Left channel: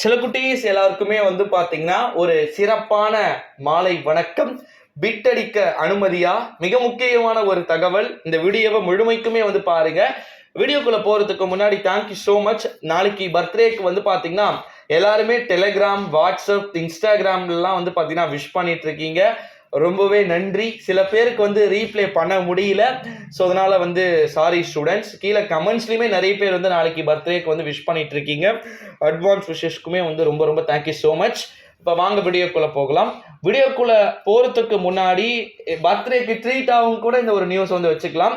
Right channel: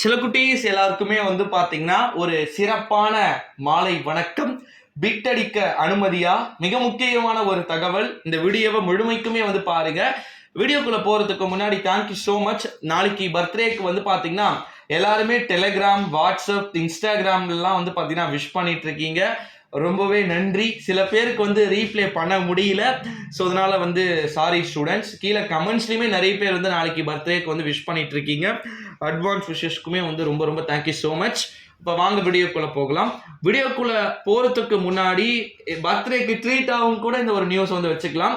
சில குட்டீஸ் எல்லாருக்குமே வந்து பார்த்தீங்கன்னா ஒரு சிறப்பான மாலை வணக்கம் பிட் அடிக்க அனுமதியா? மிக முக்கியமான ஒரு தகவல். இந்த வீடியோவை முழுமைக்குமே வந்து பாருங்க. வீடியோக்குள்ள போறதுக்கு முன்னாடி தேங்க்யூ ஸோ மச் நாளைக்கு பர்த்டேக்கு வந்து பார்த்தீங்கன்னா எல்லாருமே டெலிகிராம் வாட்ஸ்அப் இன்ஸ்டாகிராம்லாம் வந்து பார்த்தீங்கன்னா விஷ் பண்ணிட்டு இருக்கீங்க. ரொம்பவே நன்றி. சில பேருக்கு வந்து ரீப்ளே பண்ண முடியல. ஸோ அதனால் வந்து சாரி ஸ்டூடெண்ட்ஸ் கீழே கமெண்ட்ஸ்லையுமே நிறைய பேர் வந்து நாளைக்கு பர்த்டேக்கு வந்து விஷ் பண்ணிட்டு இருக்கீங்க அட்வான்ஸ் விஷஸ்க்குமே வந்து ரொம்ப ரொம்ப தேங்க்யூ ஸோ மச் இப்போ வாங்க வீடியோக்குள்ளே போகலாம். வீடியோக்குள்ளே போகிறதுக்கு முன்னாடி பர்த்டேக்கு ட்ரீட் ஆகும் கூட இந்த ஒரு நியூஸ் வந்து வச்சுக்கலாம்.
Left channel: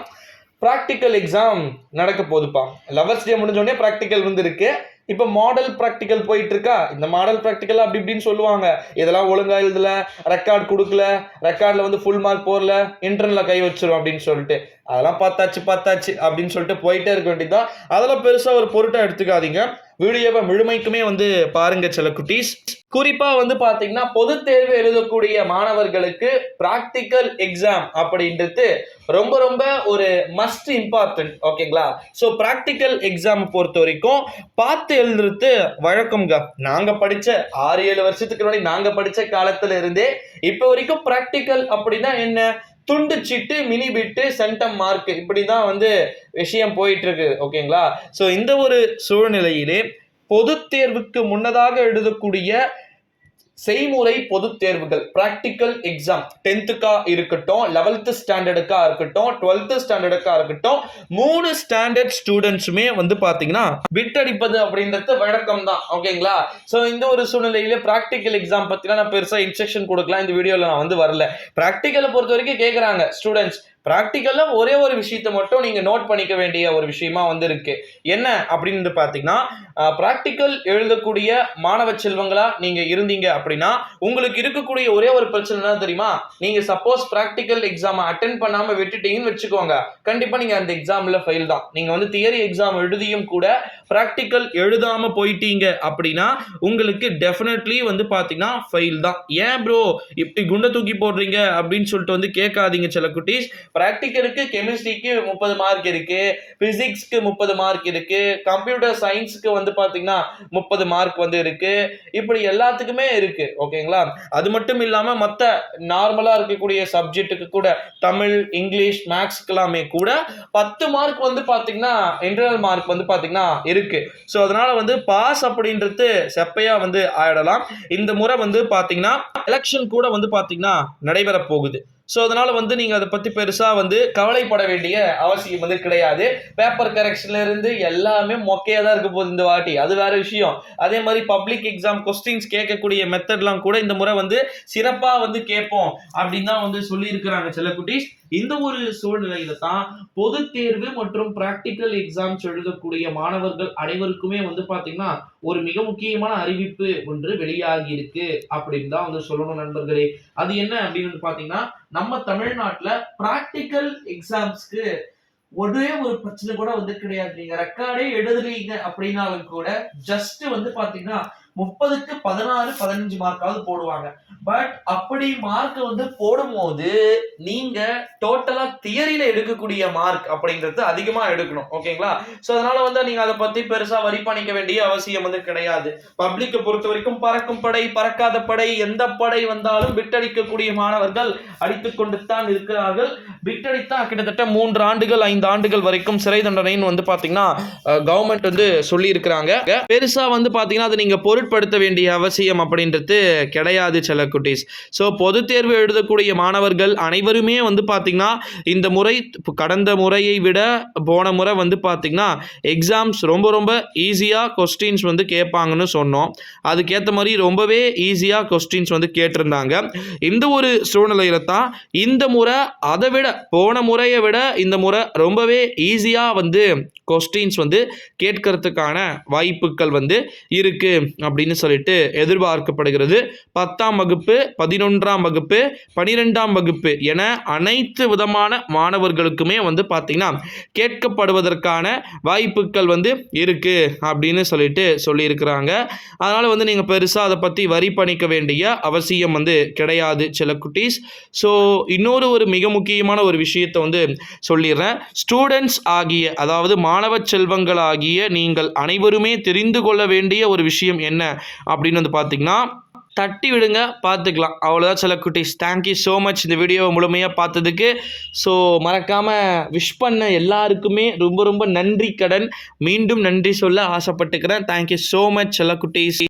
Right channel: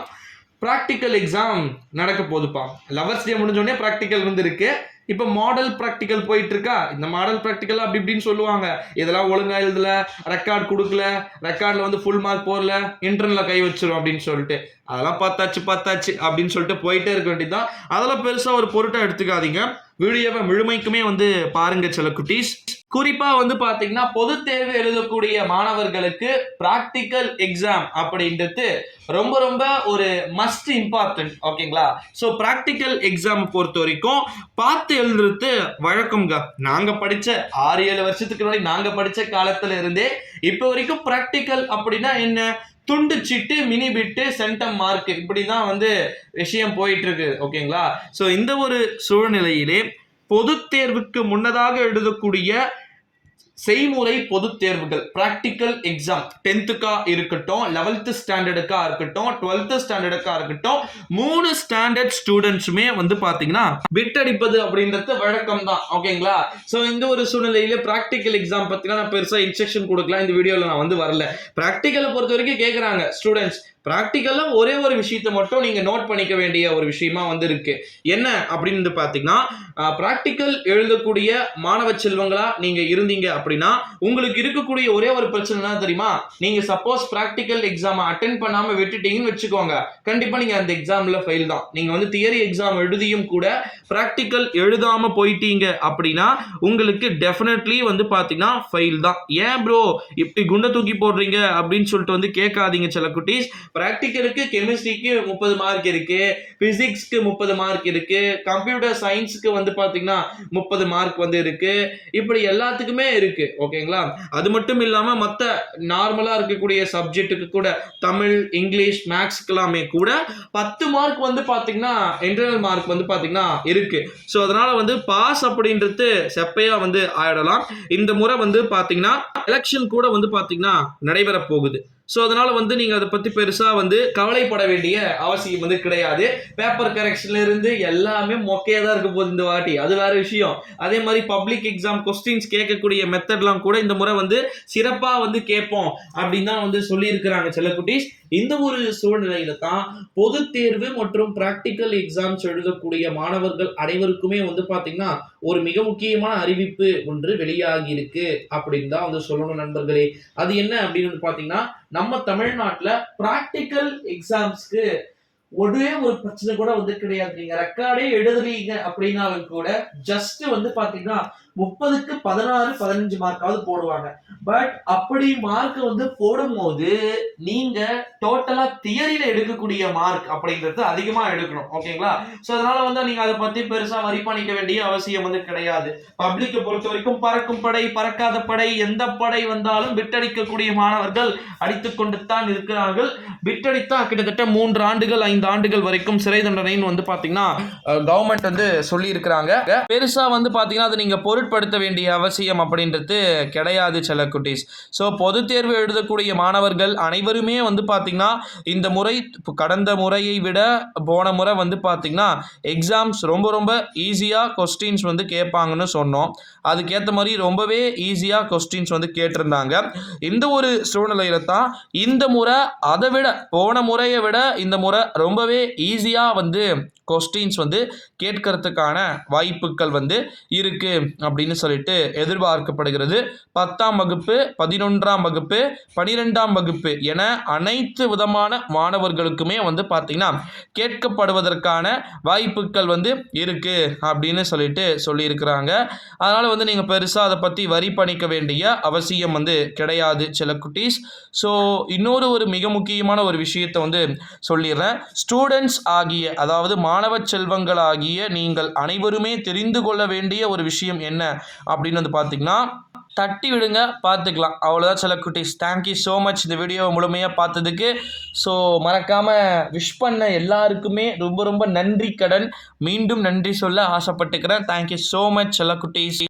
ப்ராக்டிக்கல் எக்ஸாம் நடக்க போகுதுப்பா. லவர்ஸ் டே முடிஞ்சோடனே ப்ராக்டிக்கல் வந்து இருக்கு இப்போ மாடல் ப்ராக்டிக்கல் போயிட்டு இருக்கா இந்த மாடல் ப்ராக்டிக்கல் அப்படி இப்படின்னு சொல்லுவாங்க. இதெல்லாம் ஒழுங்கா எழுதல ரெக்கார்ட் கொடுக்கல ரெக்கார்டில் வந்து ஃபுல் மார்க் போடல இன்டர்னில் கை வச்சிடும் அப்படின்னு சொல்லிட்டு. அதெல்லாம் பார்த்தாச்சு பார்த்தாச்சு அப்படின்னு சொல்லிட்டு போயிட்டே இருக்க வேண்டியதுதான். அதெல்லாம் பெருசாக ஒரு பொருட்டாக எடுத்துக்காதீங்க. வீடியோவை முழுமைக்குமே வந்து பாருங்க சில குட்டீஸ். குறிப்பாக வந்து பார்த்தீங்கன்னா பொது தேர்வு எழுதக்கூடிய மாணவர்களுக்கு ப்ராக்டிக்கல் எக்ஸாம் அப்படின்றது ரொம்ப ரொம்ப ஒரு மஸ்ட் இம்பார்ட்டன்ட் ஓகேங்களா ஸோ ப்ராக்டிக்கல் எக்ஸாம் பொறுத்த வரைக்கும் பார்த்து எழுதுறது வழக்கம்ங்க. நாங்கள் படித்த ஆறு ஏழு வருஷத்துக்கு முன்னாடி நாங்கள் படித்த காலத்தில் இருந்தே இப்போ வரைக்கும் ப்ராக்டிக்கல் அப்படின்னா என்ன? துண்டு chit mini bit centum mark இப்படி தான் வந்து விஷயம் போயிட்டு இருக்கு ஓகேங்களா ஸோ இந்த ஒரு சூழ்நிலையிலே பொதுத் தேர்வுக்கு முன்னதாக எழுதக்கூடிய செய்முறை பொதுத் தேர்வுகள் ப்ராக்டிக்கல் எக்ஸாம் டென்த்துக்கா இருக்கட்டும் லெவல்த்து ஸ்டாண்டர்டுக்கா இருக்கட்டும் டுவெல்த்து ஸ்டாண்டர்டுக்கா இருக்கட்டும் மூணு ஸ்டாண்டர்ட் ஸ்டூடெண்ட்ஸுமே வந்து பார்த்தீங்கன்னா பிட் அடிப்பது அப்படின்றது வழக்கம் தான் ஓகேங்களா ஸோ இந்த ஒரு சூழ்நிலையில ப்ராக்டிக்கல் எக்ஸாம் பார்த்தீங்கன்னா நான் பெருசாக இன்ஸ்ட்ரக்ஷன் கொடுக்கலாம். இந்த வீடியோவில் நான் வந்து வரல. ப்ராக்டிக்கலை பொறுத்த வரைக்கும் கேட்குறாங்க ஸ்டூடெண்ட்ஸ் ப்ராக்டிக்கலாக ஒரே ஒரு விஷயத்தை மட்டும் நீங்கள் நோட் பண்ணிக்க வேண்டிய ஒரு விஷயமா வந்து இருக்கு. என்ன அப்படின்னு வந்து பார்த்தீங்கன்னா ப்ராக்டிக்கல் எழுதக்கூடிய மாணவ செல்வங்களா நீங்கள் இருந்தீங்க அப்படின்னா உங்களுக்கு இருக்கக்கூடிய ஒரே ஒரு பிரச்சனை தெரியுமா? நீங்கள் சப்போஸ் ப்ராக்டிக்கல் எக்ஸாமை அட்டன் பண்ணாமல் விட்டுட்டீங்கன்னு வச்சுக்கோங்க. கண்டிப்பாக நீங்கள் அந்த எக்ஸாமில் ஃபெயில் தான். நீங்கள் வந்து தியரி எக்ஸாம் எழுதியும் கூட ப்ராக்டிக்கல் எழுதாமல் போயிட்டீங்க அப்படின்னா உங்களுக்கு டெஃபினெட்லி வந்து பார்த்தீங்கன்னா ஃபெயில் தான். ஏன் ப்ரோ இப்படி குண்டை தூக்கி போடுறீங்க அப்படின்னு சொல்லிட்டு வந்து கேட்காதீங்க சில குட்டீஸ். ப்ராக்டிக்கலுக்கு கெமிஸ்ட்ரிக்கு முப்பது மார்க் இருக்கு பிசிக்ஸ்க்கு முப்பது மார்க் இருக்கு கம்ப்யூட்டர் சயின்ஸுக்கு வந்து பார்த்தீங்கன்னா முப்பது மார்க் வந்து இருக்கு. இப்படி எல்லாத்துக்குமே இருக்கு ஓகேங்களா அது மட்டும் இல்லாமல் மற்ற நார்மலாக இருக்கக்கூடிய சப்ஜெக்ட்டுக்கு கூட தமிழ் இங்கிலீஷ் மேக்ஸ்க்கெல்லாமே கூட பத்து மார்க் வந்து பார்த்தீங்கன்னா இன்டர்னல் மார்க் வந்து பார்த்தீங்கன்னா இருக்கு. ஸோ அதனால வந்து பாஸ் அப்படின்றது செப்பையாக வந்து ஆயிடலாம். இந்த முறை வந்து பார்த்தீங்கன்னா எலெக்ஷன் கூட வந்து பார்த்தீங்கன்னா நடைபெற போகுது ஸோ அதனால் வந்து நீங்கள் அதை பற்றி பெருசாக வந்து கவலைப்பட வேண்டிய அவசியம் வந்து கிடையாது. பேப்பர் கரெக்ஷன்லேருந்து எல்லாமே மொக்கையாக தான் இருக்க போகுது இந்த வாட்டி. அது வேறு விஷயம். அதே மாதிரி பப்ளிக் எக்ஸாம் கொஸ்டின்ஸ் கேட்கக்கூடிய மெத்தட்லாம் கூட இந்த முறை வந்து சிறப்பாக வந்து கேட்போம் அப்படின்னு தான் வந்து சொல்லியிருக்கிறாங்க சில குட்டீஸ். இந்த ஒரு சூழ்நிலையில தான் பொது தேர்வு மற்றும் பிராக்டிக்கல் எக்ஸாம்ஸ் எழுதக்கூடிய மாணவர்கள் அனைவருக்குமே வந்து பார்த்தீங்கன்னா ஒரு மிக முக்கியமான அறிவிப்பு ஒன்று வெளியாகி இருக்கு அப்படின்னு தான் வந்து சொல்லணும் நண்பர்களே. அது என்ன அப்படின்னு பார்த்தீங்கன்னா பாத்தீங்கன்னா நம்ம தமிழ்நாட்டில் பிராக்டிக்கல் எக்ஸாம்ஸ்க்கு ஒரே ஒரு பிரச்சனை கூட வந்து கிடையாது. நீங்க ரெக்கார்டே எழுதுறீங்க அப்படின்னாலும் கூட ஜஸ்ட் வந்து பாத்தீங்கன்னா முப்பதுக்கு பதினாறு பதினஞ்சு மார்க்காவது போடுவாங்க. பட் அப்படி மார்க் வந்து போடும்போது நீங்க டோட்டலா தியரியில எடுக்கக்கூடிய மார்க் அப்படிங்கிறது அதிகமா எடுக்கணும். ஓகேங்களா ஸோ அதனால வந்து நீங்க அதை பத்தி பெருசா வரி பண்ணிக்க வேண்டிய அவசியம் வந்து கிடையாது. பப்ளிக்கை பொறுத்த வரைக்கும் பறக்கும் படை பறக்காத படை எந்த படை வந்தாலும் பிட்டடிக்கக்கூடிய மாணவர்கள் அடித்துக்கொண்டு தான் இருக்கிறார்கள். பிட்டடித்தா கிட்டத்தட்ட மூன்று ஆண்டுகள் ஐந்து ஆண்டுகள் வரைக்கும் சிறை தண்டனைன்னு வந்து பாத்தீங்கன்னா கவர்மெண்ட் வந்து சொல்லி இருக்கிறாங்க பெருசா வந்து பாத்தீங்கன்னா அதை நீங்க பொருட்படுத்த வேண்டிய அவசியம் அப்படின்றது கிடையாது சில குட்டீஸ் ஸோ பொது தேர்வு எழுதக்கூடிய மாணவர்கள் அனைவருமே வந்து பார்த்திங்கன்னா இந்த முறை கடந்த முறையை விட போன முறை வந்து பார்த்திங்கன்னா எக்ஸாம்ஸ் ரொம்ப ரொம்ப ஈஸியாக கொஸ்டின்ஸ் வந்து கேட்பாங்கன்னு சொன்னோம். அதுக்கேற்ற மாதிரி ரொம்பவே ஈஸியாக கொஸ்டின்ஸ் வந்து கேட்டிருந்தாங்க. இந்த ஒரு சூழ்நிலையில தான் இந்த முறை அதை விட போன முறையை விட இந்த முறை ரொம்பவே ஈஸியாக வந்து கொஸ்டின்ஸ் வந்து கேட்கறதுக்கான வாய்ப்புகள் வந்து இருக்குது அப்படின்னு சொல்லிட்டு எதிர்பார்க்கப்படுகிறது. பத்தாம் வகுப்பு பதினொன்றாம் வகுப்பு பனிரெண்டாம் வகுப்பு என அனைத்து விதமான மாணவர்களுக்குமே வந்து பார்த்தீங்கன்னா கேட்கப்படுவதற்கான வாய்ப்புகள் வந்து இருக்கு அப்படின்னு சொல்லிட்டு சொல்லியிருக்கிறாங்க. அதனால் வந்து நீங்கள் பெருசாக அதை பற்றி வரி பண்ணிக்க வேண்டிய அவசியம் வந்து கிடையாது சில குட்டீஸ். ஸோ இன்னொரு ஒரு மிக முக்கியமான ஒரு விஷயத்தை வந்து சொல்லிடுறேன். ஸ்டூடெண்ட்ஸ் ஆகிய அதாவது மாணவ செல்வங்களாகிய நீங்கள் அனைவருமே தெரிந்து கொள்ள வேண்டிய ஒரு விஷயம் என்ன என்ன அப்படின்னு வந்து பார்த்தீங்கன்னா தட்டி விடுங்க பார்த்துக்கலாம் அவ்வளோதான் சில குட்டீஸ். தேங்க்யூ ஸோ மச் இந்த வீடியோ முழுமையாக பார்த்ததுக்கு. ஸோ மறக்காமல் விஷ் பண்ண எல்லாருக்குமே ரொம்ப ரொம்ப நன்றி கடன். மீண்டும் நன்றி சொல்ல ஆசைப்பட்டுக்கிறேன். தேங்க்யூ ஸோ மச் செல்ல குட்டீஸ்.